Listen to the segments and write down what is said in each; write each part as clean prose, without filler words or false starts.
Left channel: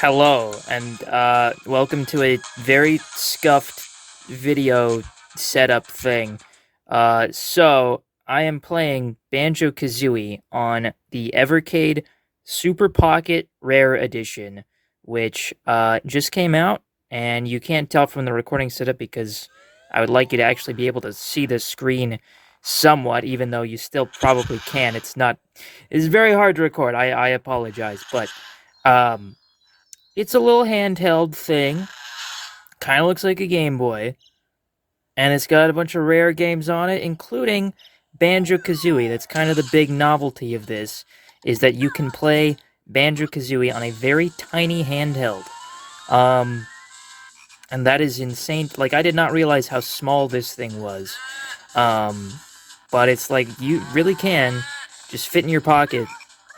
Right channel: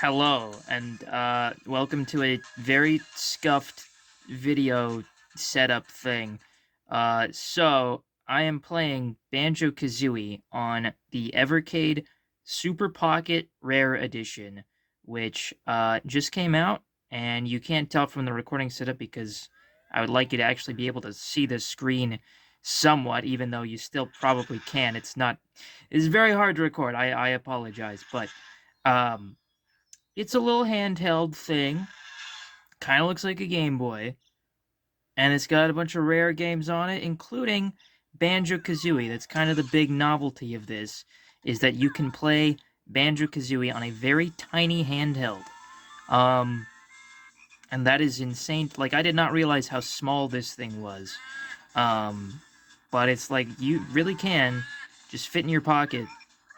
Hello, and welcome to a very scuffed video setup thing. So I am playing Banjo-Kazooie on the Evercade Super Pocket Rare Edition, which just came out, and you can't tell from the recording setup because I would like you to actually be able to see the screen somewhat, even though you still probably can. It's very hard to record. I apologize, but um it's a little handheld thing. Kind of looks like a Game Boy. And it's got a bunch of rare games on it, including Banjo-Kazooie. That's kind of the big novelty of this, is that you can play Banjo-Kazooie on a very tiny handheld. Um, and that is insane. Like, I did not realize how small this thing was. Um, but it's like, you really can just fit in your pocket,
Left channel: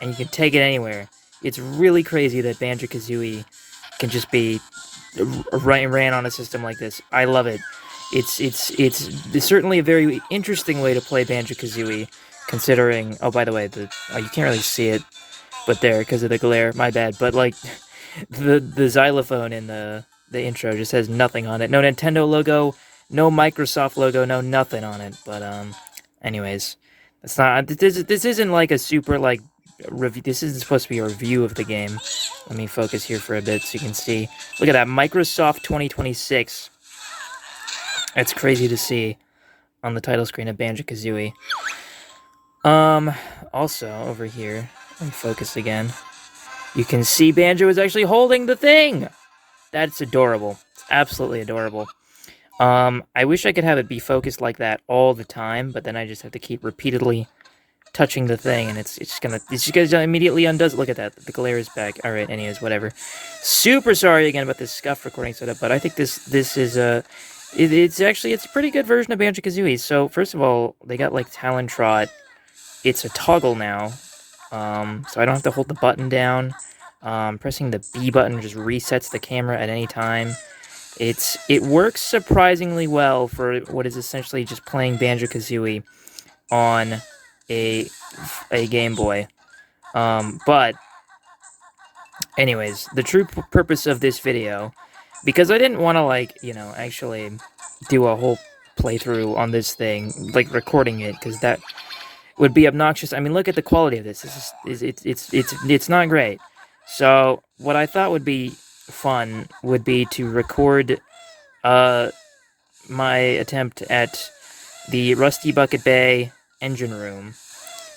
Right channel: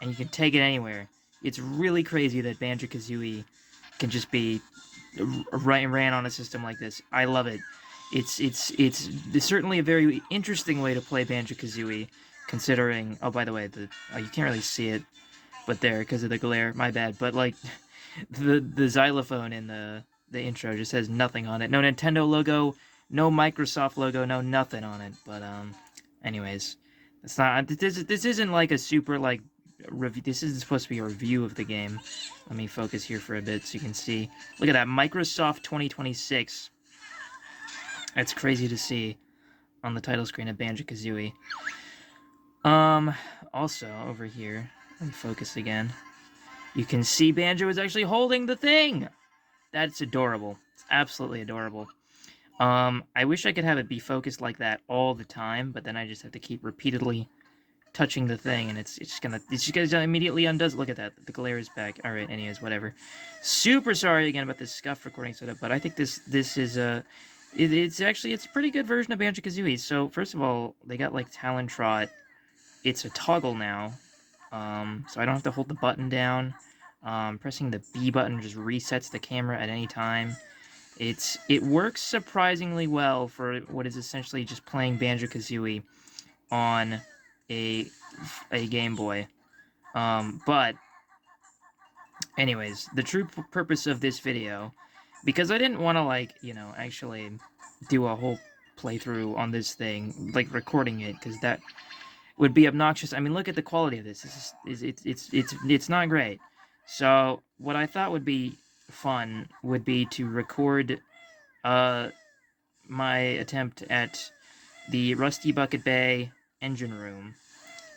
and you can take it anywhere. It's really crazy that Banjo-Kazooie can just be ran on a system like this. I love it. It's certainly a very interesting way to play Banjo-Kazooie, considering. Oh, by the way, you can't really see it, but there because of the glare. My bad. But like, the xylophone in the intro just has nothing on it. No Nintendo logo, no Microsoft logo, no nothing on it. But anyways, that's not. This isn't like a super like review. This isn't supposed to be a review of the game. Let me focus here for a bit so you can see. Look at that, Microsoft 2026. That's crazy to see on the title screen of Banjo-Kazooie. Also over here, let me focus again. You can see Banjo is actually holding the thing. That's adorable. It's absolutely adorable. I wish I could have it be focused like that all the time, but then I just have to keep repeatedly touching the thing, and it's just gonna immediately undoes. Look at that, the glare is back. All right, anyways, whatever. Super sorry again about this scuffed recording setup, but I think this is it's a pretty good version of Banjo-Kazooie. So first of all, they got like Talon Trot. It's a toggle now, so I don't have to hold the button down. Pressing the B button just resets the camera at any time. It works surprisingly well for what is essentially just playing Banjo-Kazooie on a Game Boy. But anyways, the true purpose of this video, because I didn't want to like actually do a whole playthrough on this thing, like recording it, because that would be obnoxious. I mean, look at the quality of this. It's not great. So what I thought would be fun would be to record my attempt at the Rusty Bucket Bay engine room,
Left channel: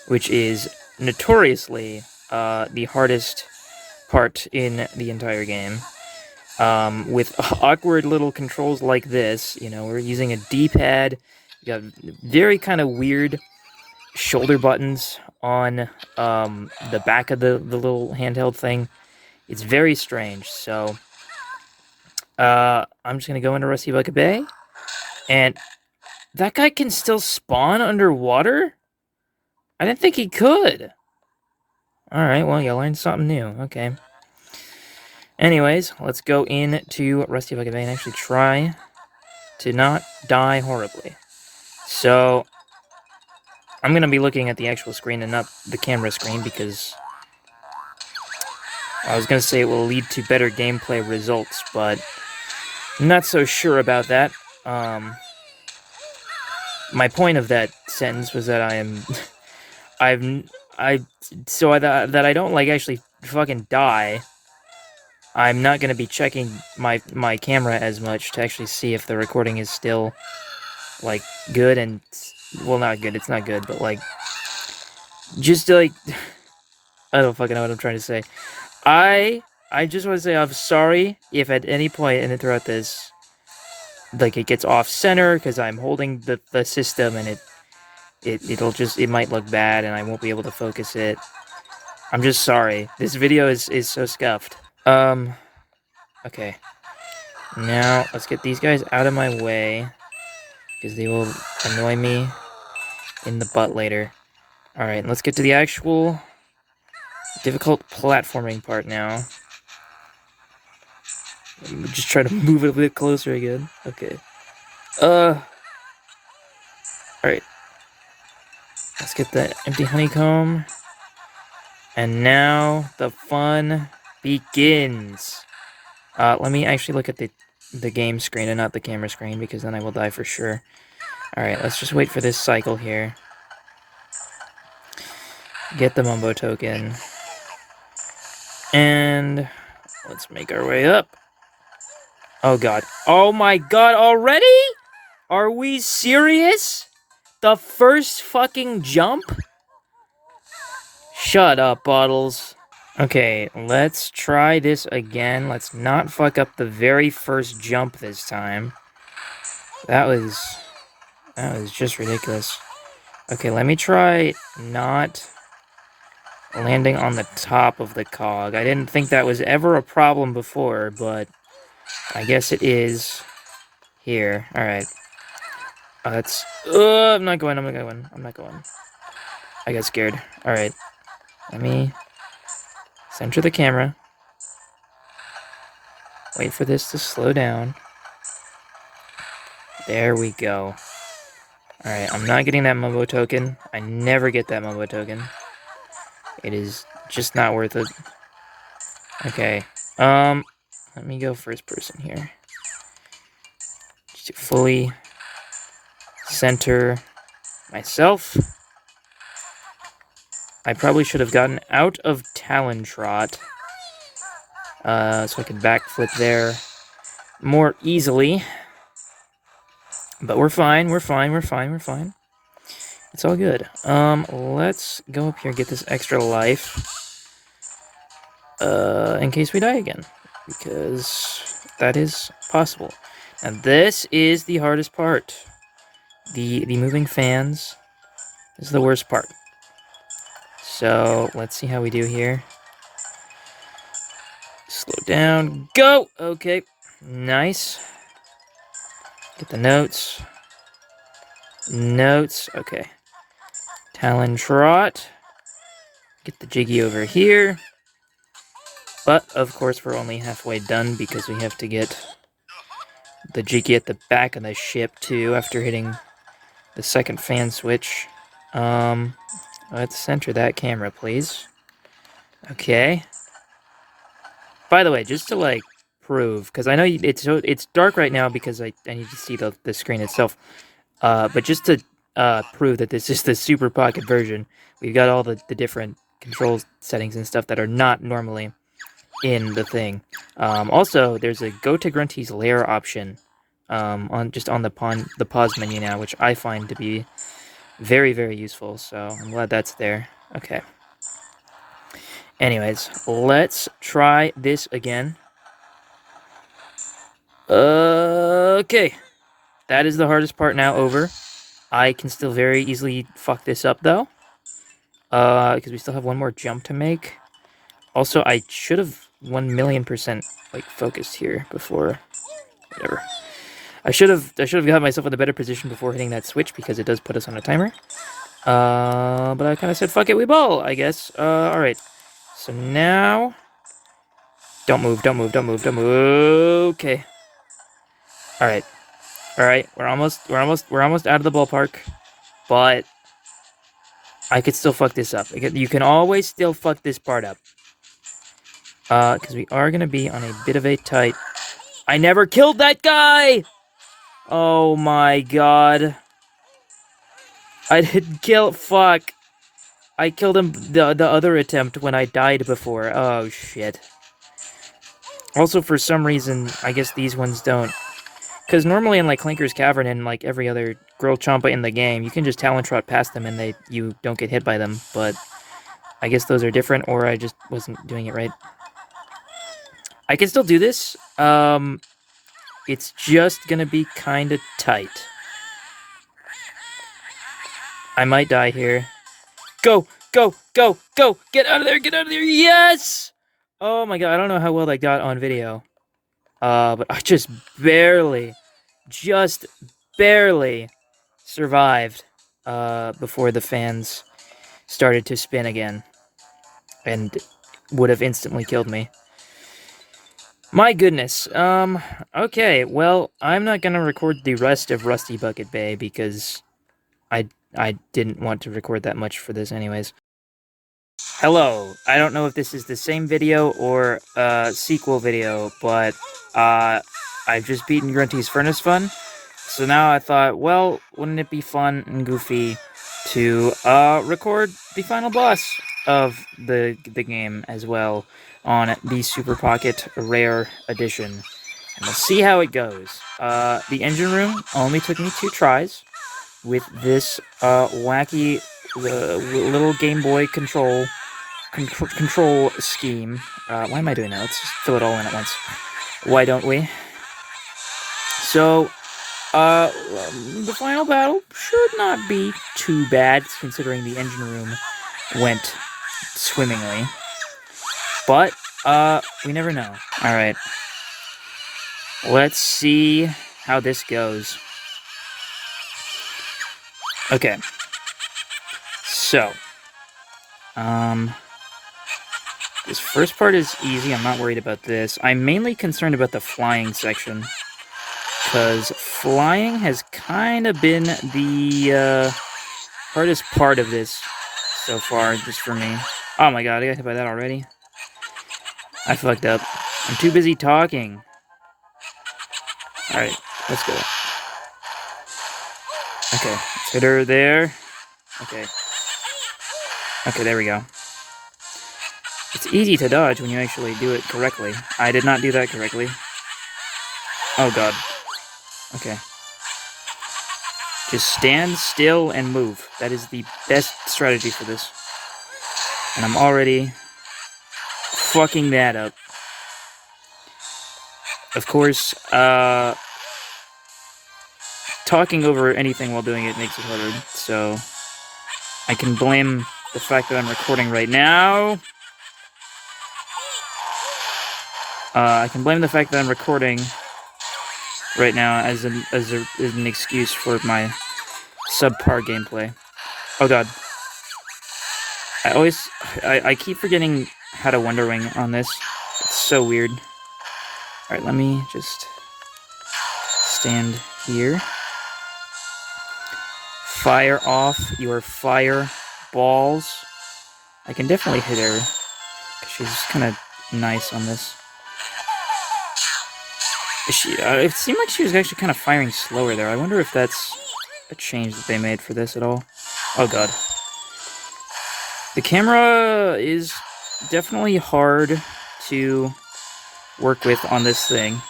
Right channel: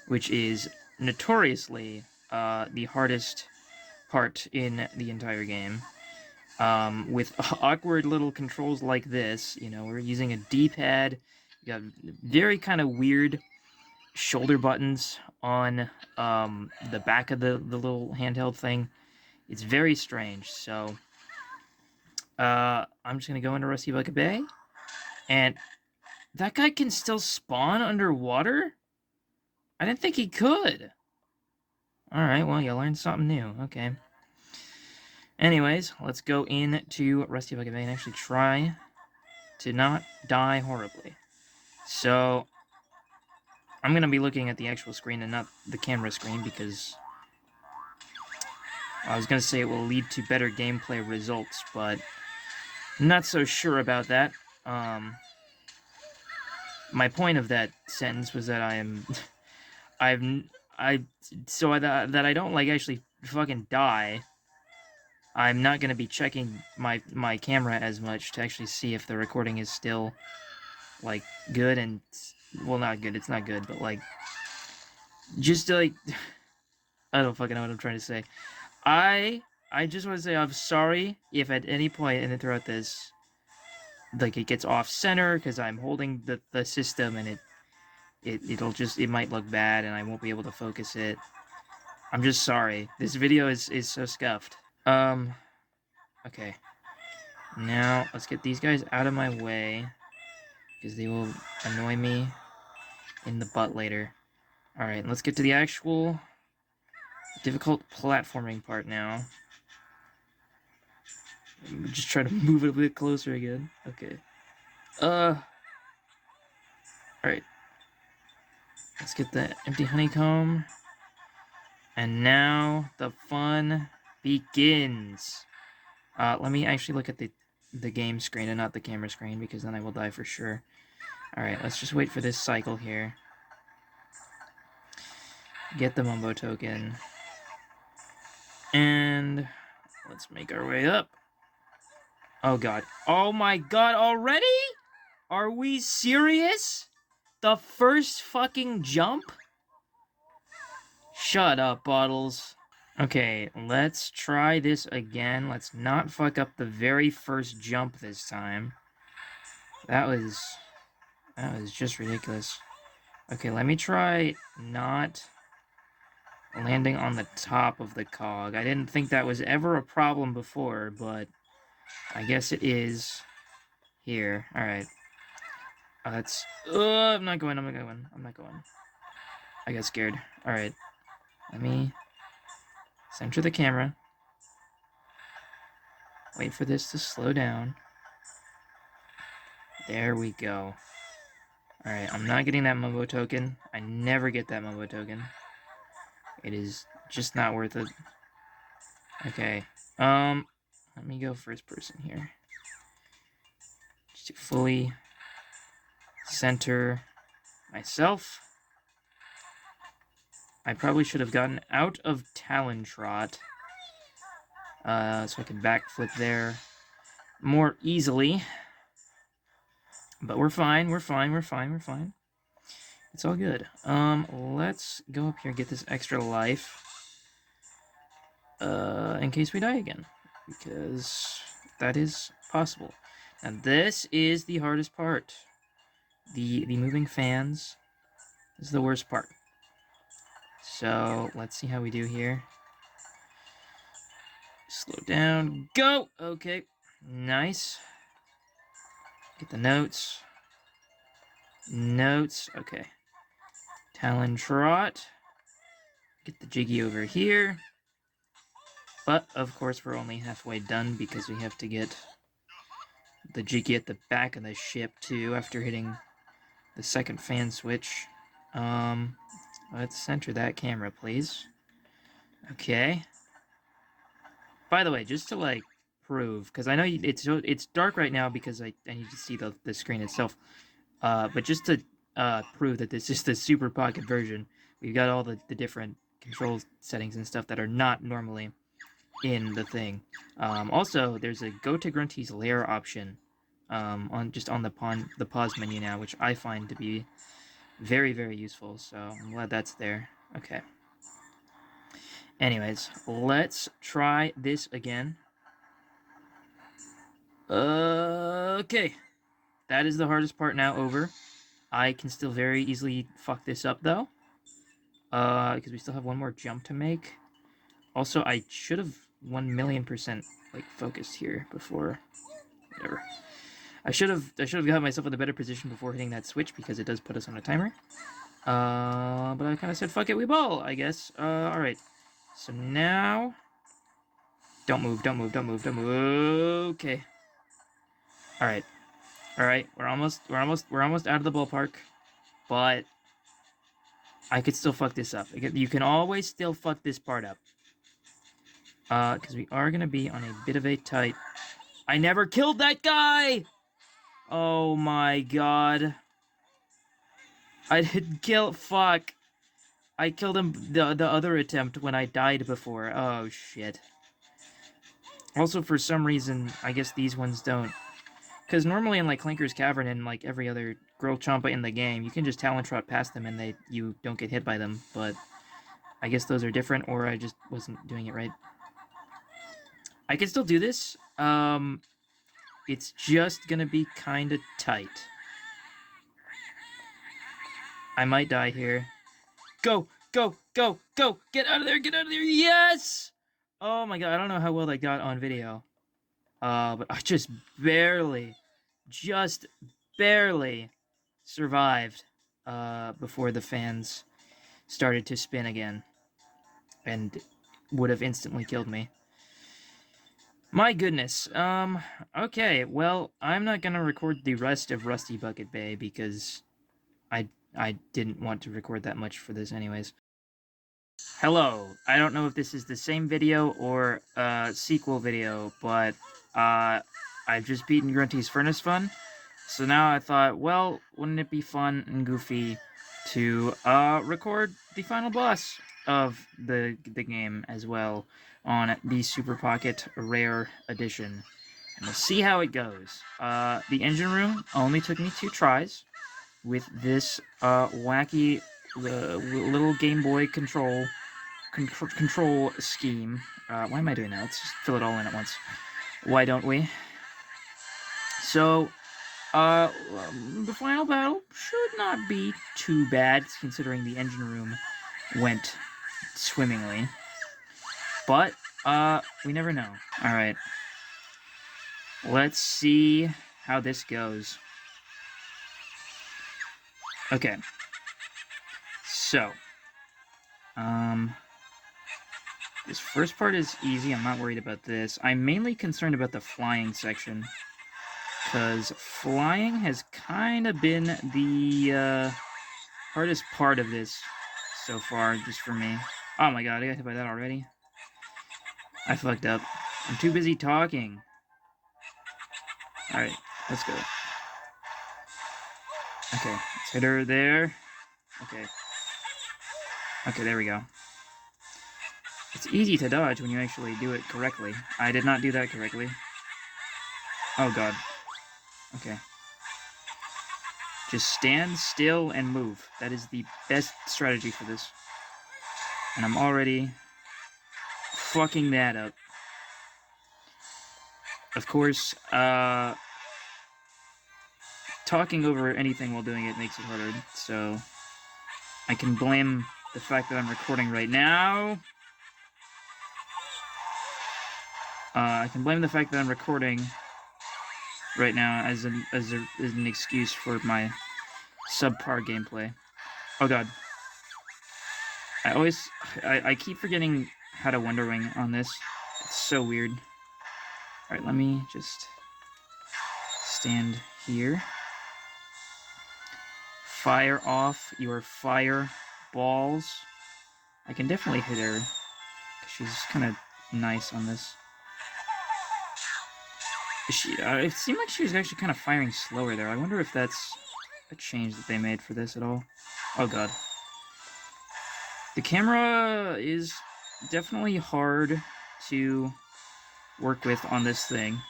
which is notoriously the hardest part in the entire game. With awkward little controls like this, we're using a D-pad. We got very kind of weird shoulder buttons on the back of the little handheld thing. It's very strange. So I'm just gonna go into Rusty Bucket Bay, and that guy can still spawn underwater? I didn't think he could. Alright, well, you learned something new. Okay. Anyways, let's go into Rusty Bucket Bay and actually try to not die horribly. So, I'm going to be looking at the actual screen and not the camera screen because I was going to say it will lead to better gameplay results, but I'm not so sure about that. My point of that sentence was that that I don't like actually fucking die. I'm not gonna be checking my camera as much to actually see if the recording is still like good and well, not good. It's not good, but like just like I don't fucking know what I'm trying to say. I just want to say I'm sorry if at any point and throughout this like it gets off center because I'm holding the system and it might look bad and I won't be able to focus it. I'm just sorry. This video is so scuffed. Okay. Now, let's get these guys out of my way, because they will annoy me in the butt later. Alright, let's get to the actual difficult platforming part now. Just try to move it a bit closer again. Okay. Alright. Let's get the empty honeycomb. And now, the fun begins. Let me actually look at the game screen and not the camera screen, because then I will die for sure. Alright, let's just wait for this cycle here. Get the Mumbo token. And let's make our way up. Oh god. Oh my god, already? Are we serious? The first fucking jump? Shut up, Bottles. Okay, let's try this again. Let's not fuck up the very first jump this time. That was just ridiculous. Okay, let me try not landing on the top of the cog. I didn't think that was ever a problem before, but I guess it is here. Alright. That's... I'm not going. I got scared. Alright. Let me center the camera. Wait for this to slow down. There we go. Alright, I'm not getting that Mumbo token. I never get that Mumbo token. It is just not worth it. Okay. Let me go first person here. Just to fully center myself. I probably should have gotten out of Talon Trot. So I could backflip there more easily. But we're fine, we're fine. It's all good. Let's go up here and get this extra life. In case we die again. Because that is possible. And this is the hardest part. The moving fans is the worst part. So, let's see how we do here. Slow down, go! Okay, nice. Get the notes. Okay. Talon Trot. Get the Jiggy over here. But, of course, we're only halfway done because we have to get the Jiggy at the back of the ship, too, after hitting the second fan switch. Let's center that camera, please. Okay. By the way, just to, like, prove, because I know it's dark right now because I need to see the screen itself. But just to prove that this is the Super Pocket version, we've got all the different control settings and stuff that are not normally in the thing. Also, there's a Go to Grunty's Lair option on the pause menu now, which I find to be very, very useful, so I'm glad that's there. Okay. Anyways, let's try this again. Okay. That is the hardest part now over. I can still very easily fuck this up, though. Because we still have one more jump to make. Also, I should have 1,000,000%, like, focused here before... Whatever. I should have got myself in a better position before hitting that switch, because it does put us on a timer. But I kind of said, fuck it, we ball, I guess. Alright. So now... Don't move. Okay. Alright. Alright, we're almost out of the ballpark. But... I could still fuck this up. You can always still fuck this part up. Because we are gonna be on a bit of a tight... I never killed that guy! Oh my god. I didn't kill... Fuck. I killed him the other attempt when I died before. Oh, shit. Also, for some reason, I guess these ones don't. Because normally in, like, Clinker's Cavern and, like, every other Girl Champa in the game, you can just Talon Trot past them and you don't get hit by them. But I guess those are different, or I just wasn't doing it right. I can still do this. It's just gonna be kind of tight. I might die here. Go! Get out of there! Yes! Oh my god, I don't know how well that got on video. But I just barely survived, before the fans started to spin again. And would have instantly killed me. My goodness. Okay, well, I'm not gonna record the rest of Rusty Bucket Bay because I didn't want to record that much for this anyways. Hello. I don't know if this is the same video or a sequel video, but I've just beaten Grunty's Furnace Fun. So now I thought, well, wouldn't it be fun and goofy to record the final boss of the game as well on the Super Pocket Rare Edition. And we'll see how it goes. The engine room only took me 2 tries with this wacky little Game Boy control scheme. Why am I doing that? Let's just fill it all in at once. Why don't we? So, the final battle should not be too bad, considering the engine room went swimmingly. But, we never know. Alright. Let's see how this goes. Okay. So, this first part is easy. I'm not worried about this. I'm mainly concerned about the flying section, because flying has kind of been the hardest part of this so far, just for me. Oh my god, I got hit by that already. I fucked up. I'm too busy talking. Alright, let's go. Okay, let's hit her there. Okay. Okay, there we go. It's easy to dodge when you actually do it correctly. I did not do that correctly. Oh god. Okay. Just stand still and move. That is the best strategy for this. And I'm already fucking that up. Of course, talking over anything while doing it makes it harder, so I can blame the fact that I'm recording right now. I can blame the fact that I'm recording right now as an excuse for my subpar gameplay. Oh god. I keep forgetting how to Wonder Wing on this. It's so weird. Alright, let me just stand here. Fire off your fire balls. I can definitely hit her, because she's kind of nice on this. It seemed like she was actually kind of firing slower there. I wonder if that's a change that they made for this at all. Oh god. The camera is definitely hard to work with on this thing.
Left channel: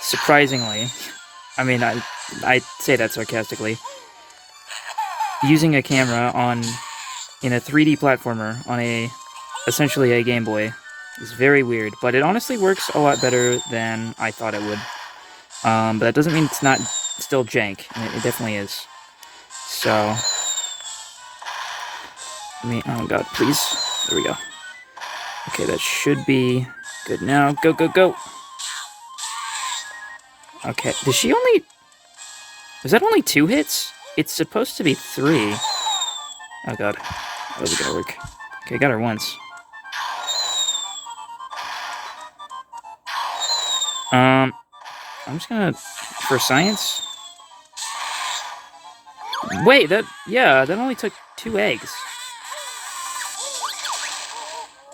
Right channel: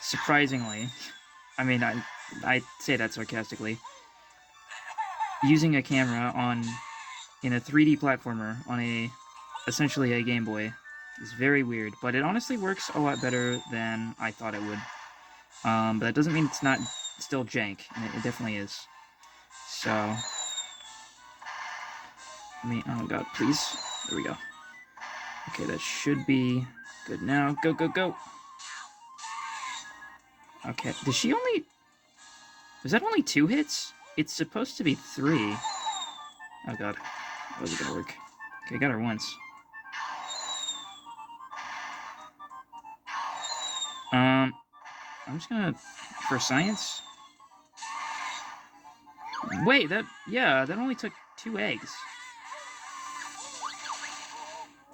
Surprisingly. I mean, I say that sarcastically. Using a camera in a 3D platformer on essentially a Game Boy is very weird, but it honestly works a lot better than I thought it would. But that doesn't mean it's not still jank, and it definitely is. So, oh god, please. There we go. Okay, that should be good now. Go, go, go! Okay, was that only 2 hits? It's supposed to be 3. Oh god, that wasn't gonna work. Okay, I got her once. I'm just gonna, for science. Wait, that only took 2 eggs.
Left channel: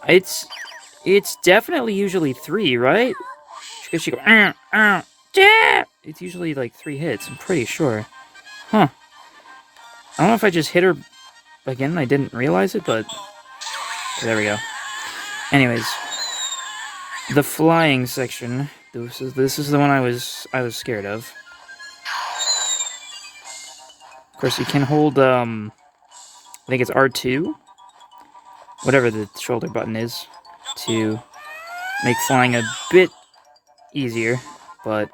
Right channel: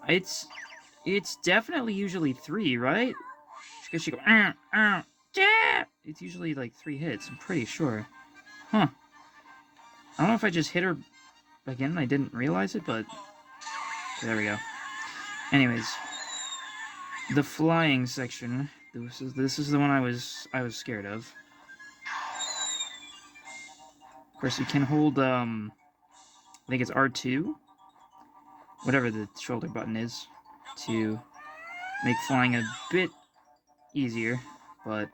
It's definitely usually 3, right? Because she go, yeah! It's usually like 3 hits, I'm pretty sure. Huh. I don't know if I just hit her again and I didn't realize it, but okay, there we go. Anyways, the flying section. This is the one I was scared of. Of course, you can hold I think it's R2, whatever the shoulder button is, to make flying a bit easier, but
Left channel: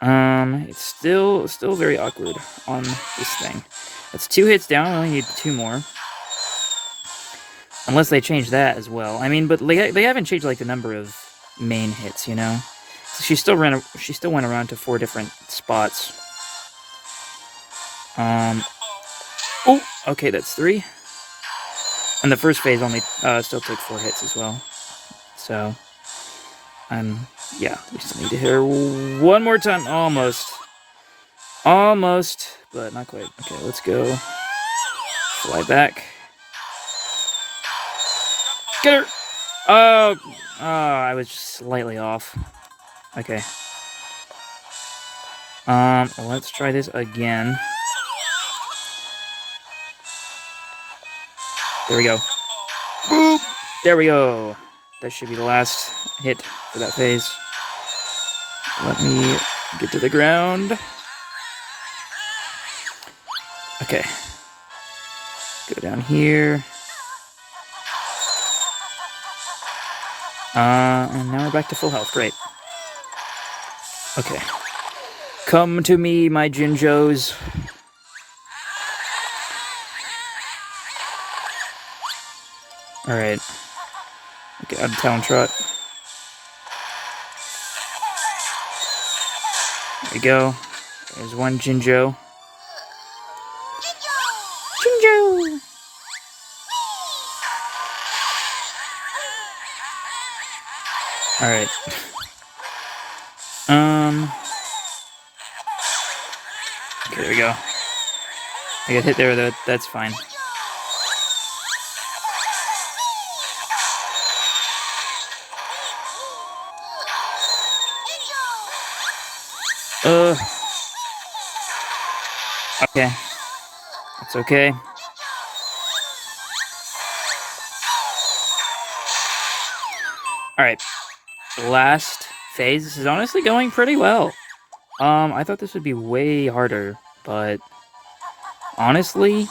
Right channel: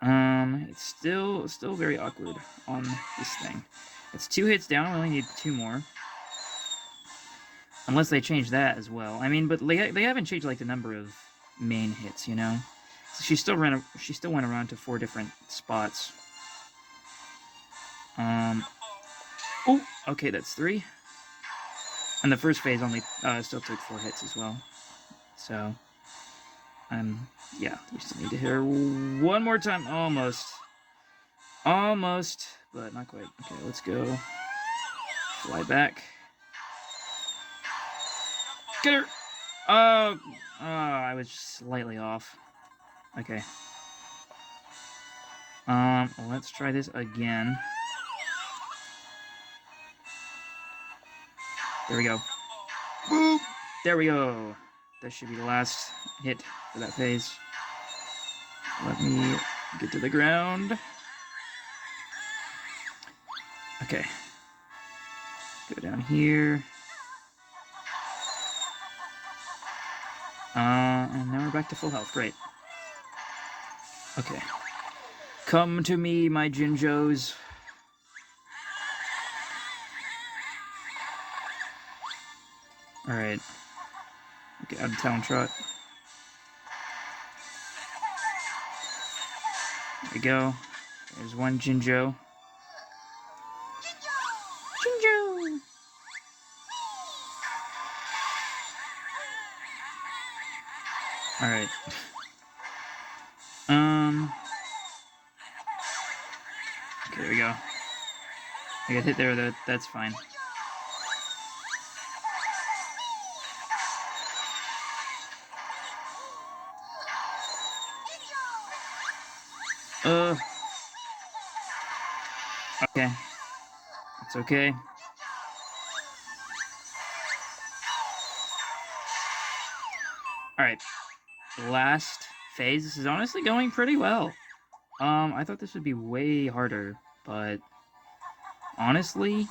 it's still very awkward on this thing. That's 2 hits down. I only need 2 more. Unless they change that as well. I mean, but they haven't changed like the number of main hits, you know. So she still went around to 4 different spots. Oh, okay, that's 3. And the first phase only still took 4 hits as well. So, yeah, we still need to hit her one more time, almost. Almost, but not quite. Okay, let's go. Fly back. Get her! Oh, I was just slightly off. Okay. Let's try this again. There we go. Boop! There we go. That should be the last hit for that phase. Let me get to the ground. Okay. Go down here. And now we're back to full health. Great. Okay. Come to me, my Jinjos. Alright. Okay, out of town trot. There we go. There's one Jinjo. Jinjo! Alright. Okay, there we go. I got hit there, though. That's fine. Okay. It's okay. Alright. Last phase. This is honestly going pretty well. I thought this would be way harder, but honestly,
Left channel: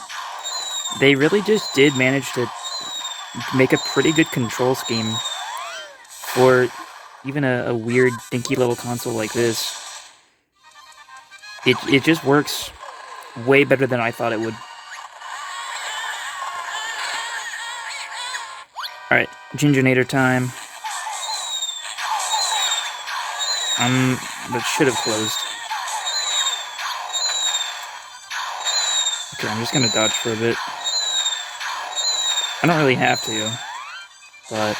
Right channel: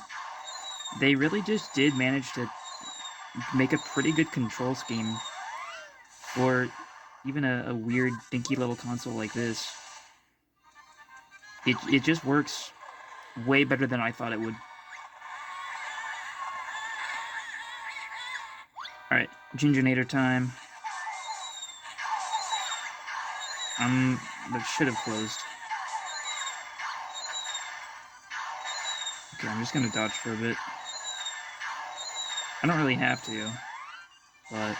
they really just did manage to make a pretty good control scheme for even a weird, dinky little console like this. It just works way better than I thought it would. Alright, Gingernator time. That should have closed. Okay, I'm just gonna dodge for a bit. I don't really have to, but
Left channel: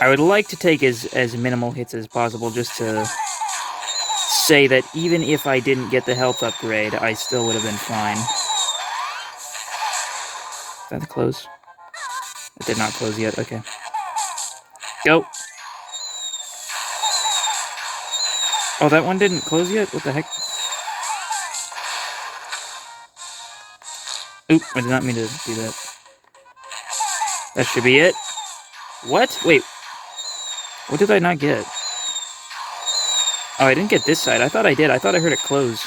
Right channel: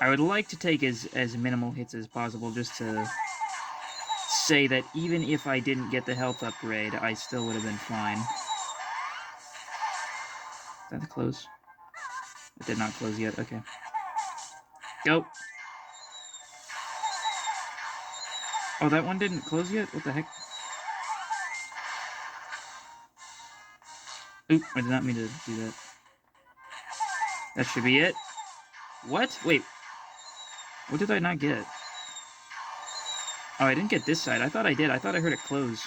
I would like to take as minimal hits as possible just to say that even if I didn't get the health upgrade, I still would have been fine. Is that the close? It did not close yet, okay. Go! Oh, that one didn't close yet? What the heck? Oop, I did not mean to do that. That should be it. What? Wait. What did I not get? Oh, I didn't get this side. I thought I did. I thought I heard it close.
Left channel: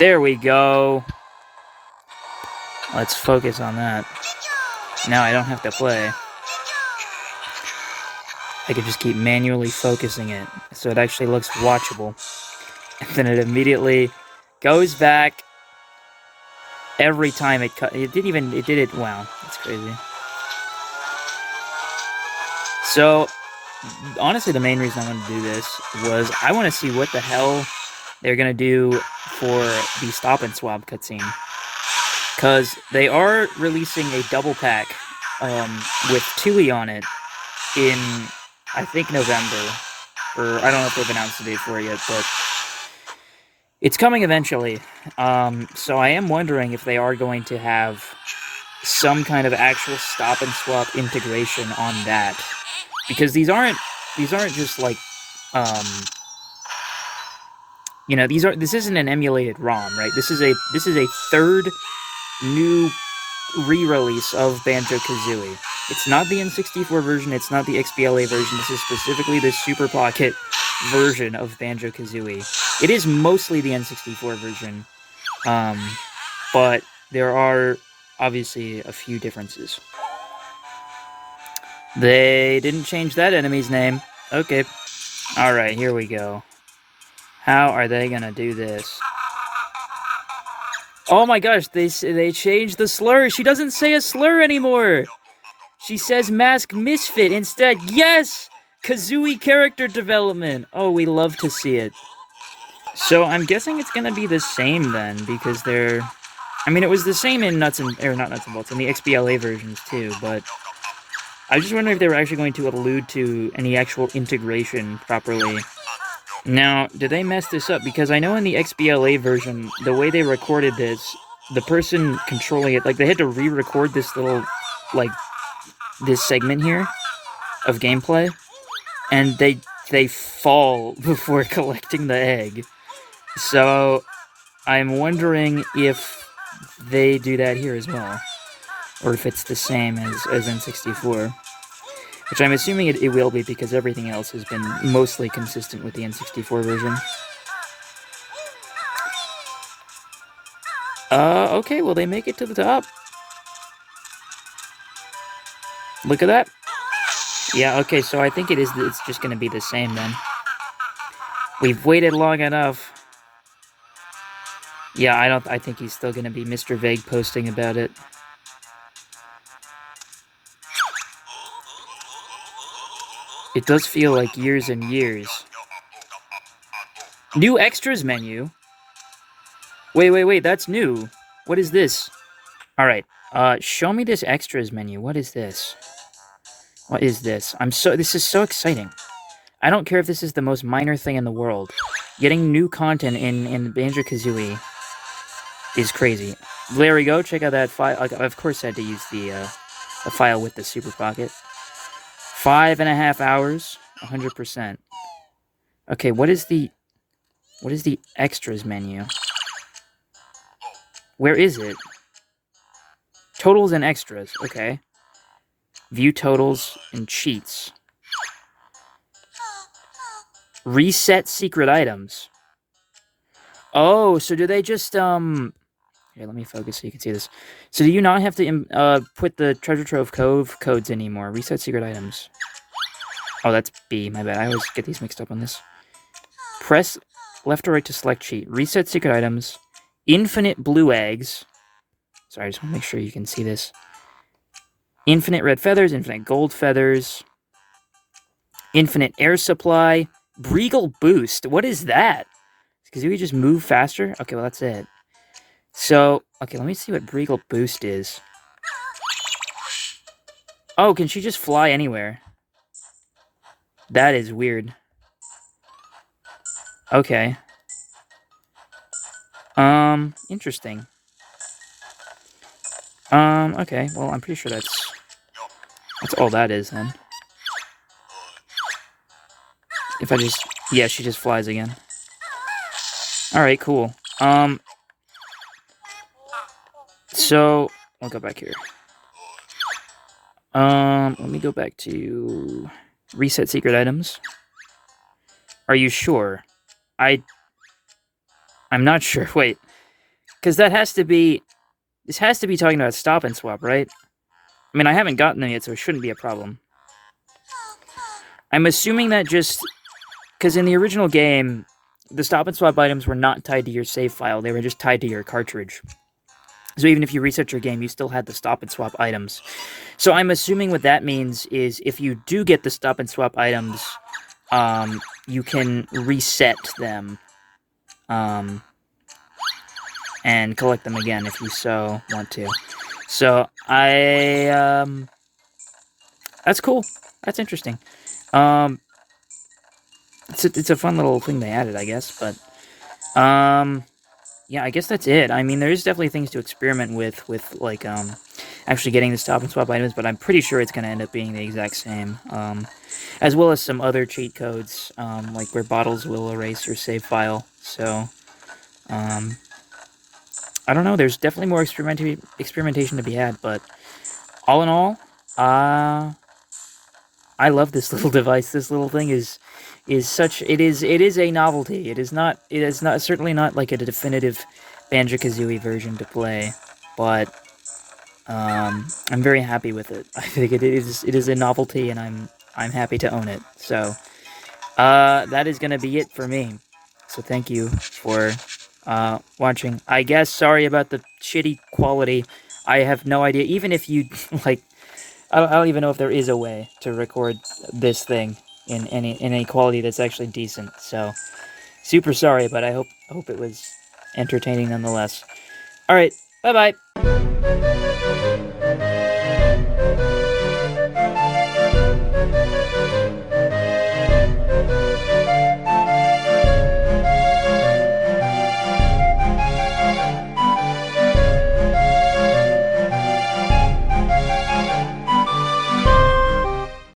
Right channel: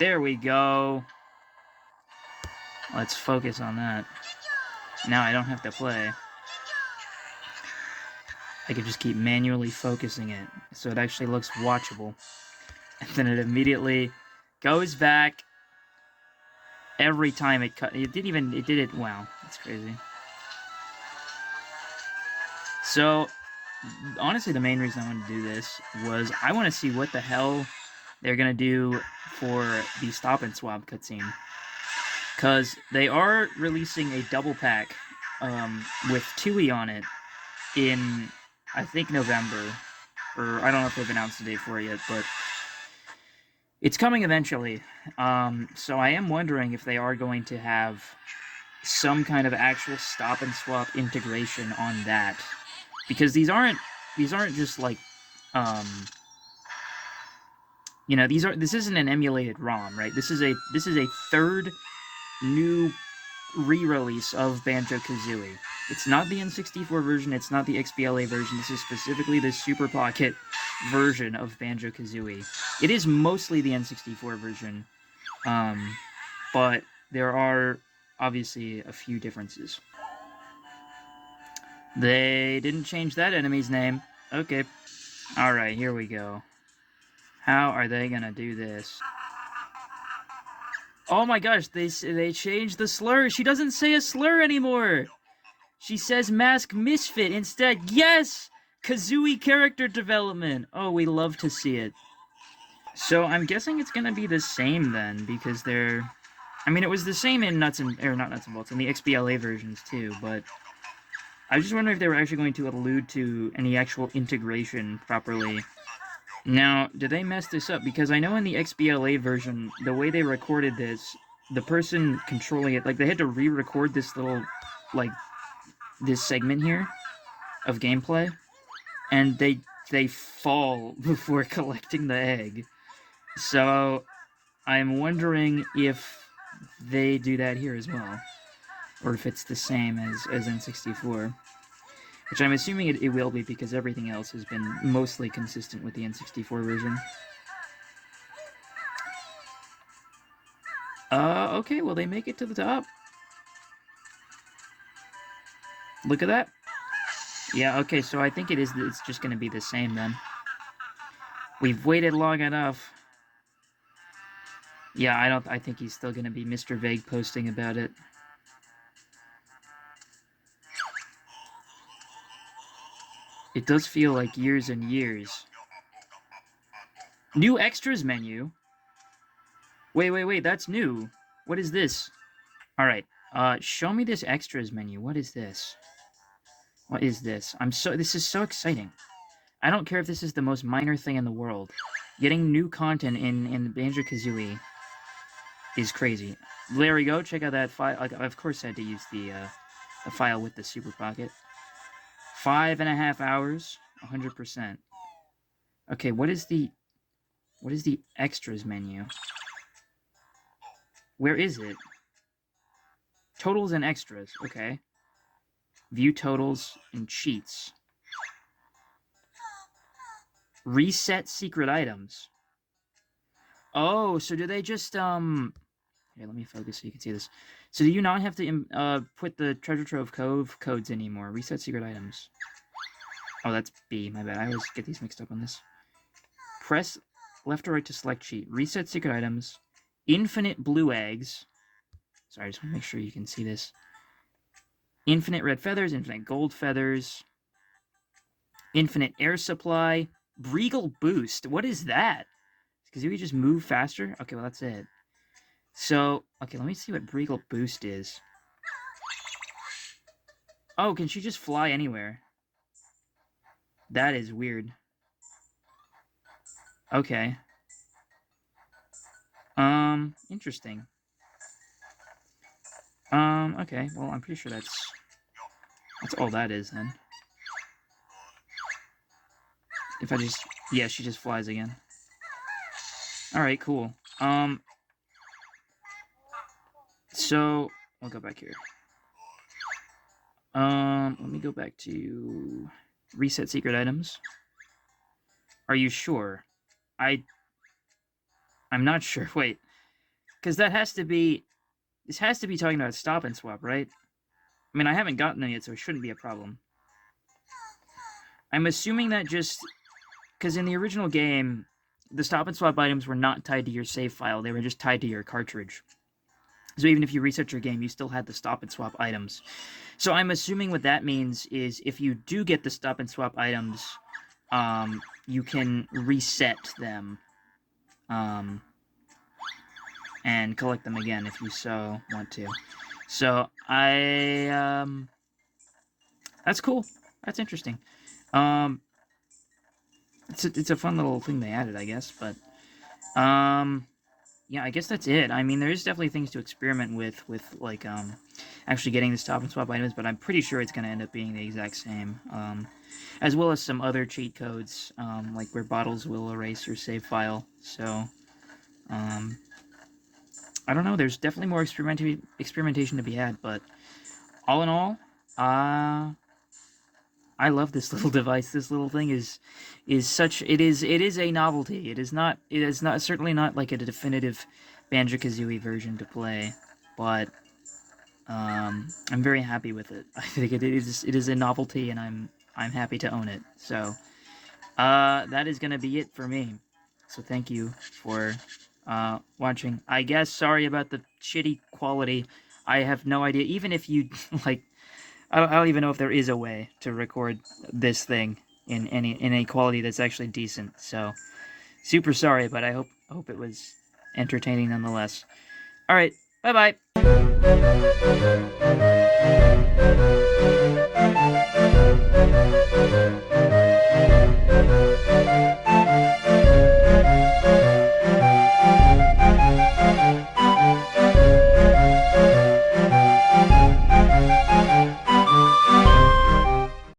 There we go. Let's focus on that. Now I don't have to play. I can just keep manually focusing it, so it actually looks watchable. And then it immediately goes back every time it cut. It did it. Wow, that's crazy. So, honestly, the main reason I wanted to do this was I want to see what the hell they're gonna do for the Stop and Swap cutscene. Because they are releasing a double pack with Tooie on it in, I think, November. Or I don't know if they've announced the date for it yet, but it's coming eventually. So I am wondering if they are going to have some kind of actual Stop and Swap integration on that. Because these aren't just like, you know, this isn't an emulated ROM, right? This is a third new re-release of Banjo-Kazooie. It's not the N64 version, it's not the XBLA version, this is specifically the Super Pocket version of Banjo-Kazooie. It is mostly the N64 version, but there are obviously a few differences. They didn't change that enemy's name. Okay. Alright, here we go. How are they gonna do this? Oh my gosh, they changed the slur. She doesn't say a slur anymore. She says Mask Misfit instead. Yes! Kazooie character development. Oh, we love to see it. So I'm guessing it's gonna be the same then, because they're... I mean, it was the same in not Nuts and Bolts, in the XBLA versions too, but I just wonder if they were actually going to allude to any actual integration properly Now, did they mess this up? Because I know in the XBLA version, the way they recorded this, the person controlling it, like, they had to re-record this little, like, this segment here of gameplay, and they fall before collecting the egg. So, I'm wondering if they do that here as well, or if it's the same as N64. Which I'm assuming it will be, because everything else has been mostly consistent with the N64 version. Okay, well, they make it to the top. Look at that. Yeah, okay, so I think it's just gonna be the same then. We've waited long enough. Yeah, I think he's still gonna be Mr. Vague posting about it. It does feel like years and years. New extras menu? Wait, that's new. What is this? Alright, show me this extras menu. What is this? What is this? This is so exciting. I don't care if this is the most minor thing in the world. Getting new content in Banjo-Kazooie is crazy. There we go. Check out that file. Of course, I had to use the file with the Super Pocket. 5.5 hours, 100%. Okay, what is the extras menu? Where is it? Totals and extras. Okay. View totals and cheats. Reset secret items. Oh, so do they just, Here, let me focus so you can see this. So do you not have to, put the Treasure Trove Cove codes anymore? Reset secret items. Oh, that's B, my bad. I always get these mixed up on this. Press left or right to select cheat. Reset secret items. Infinite blue eggs. Sorry, I just want to make sure you can see this. Infinite red feathers, infinite gold feathers. Infinite air supply. Breagle boost. What is that? Because we just move faster? Okay, well, that's it. So, okay, let me see what Breagle boost is. Oh, can she just fly anywhere? That is weird. Okay. Interesting. Okay, well, I'm pretty sure that's all that is, then. If I just... Yeah, she just flies again. Alright, cool. So, I'll go back here. Let me go back to... Reset secret items. Are you sure? I'm not sure. Wait. Because that has to be... This has to be talking about stop and swap, right? I mean, I haven't gotten them yet, so it shouldn't be a problem. I'm assuming that just... Because in the original game, the stop and swap items were not tied to your save file. They were just tied to your cartridge. So even if you reset your game, you still had the stop and swap items. So I'm assuming what that means is if you do get the stop and swap items, you can reset them. And collect them again if you so want to. So, that's cool. That's interesting. It's a fun little thing they added, I guess, but, yeah, I guess that's it. I mean, there's definitely things to experiment with, like, actually getting the stop and swap items, but I'm pretty sure it's going to end up being the exact same. As well as some other cheat codes, like where bottles will erase your save file, so, I don't know, there's definitely more experimentation to be had, but all in all, I love this little device. This little thing is such... It is a novelty. It is certainly not like a definitive Banjo-Kazooie version to play, but I'm very happy with it. I think it is a novelty, and I'm happy to own it. So that is gonna be it for me. So thank you for watching. I guess sorry about the shitty quality. I have no idea. Even if you like, I don't even know if there is a way to record this thing in any quality that's actually decent. So super sorry, but I hope it was entertaining nonetheless. All right, bye bye.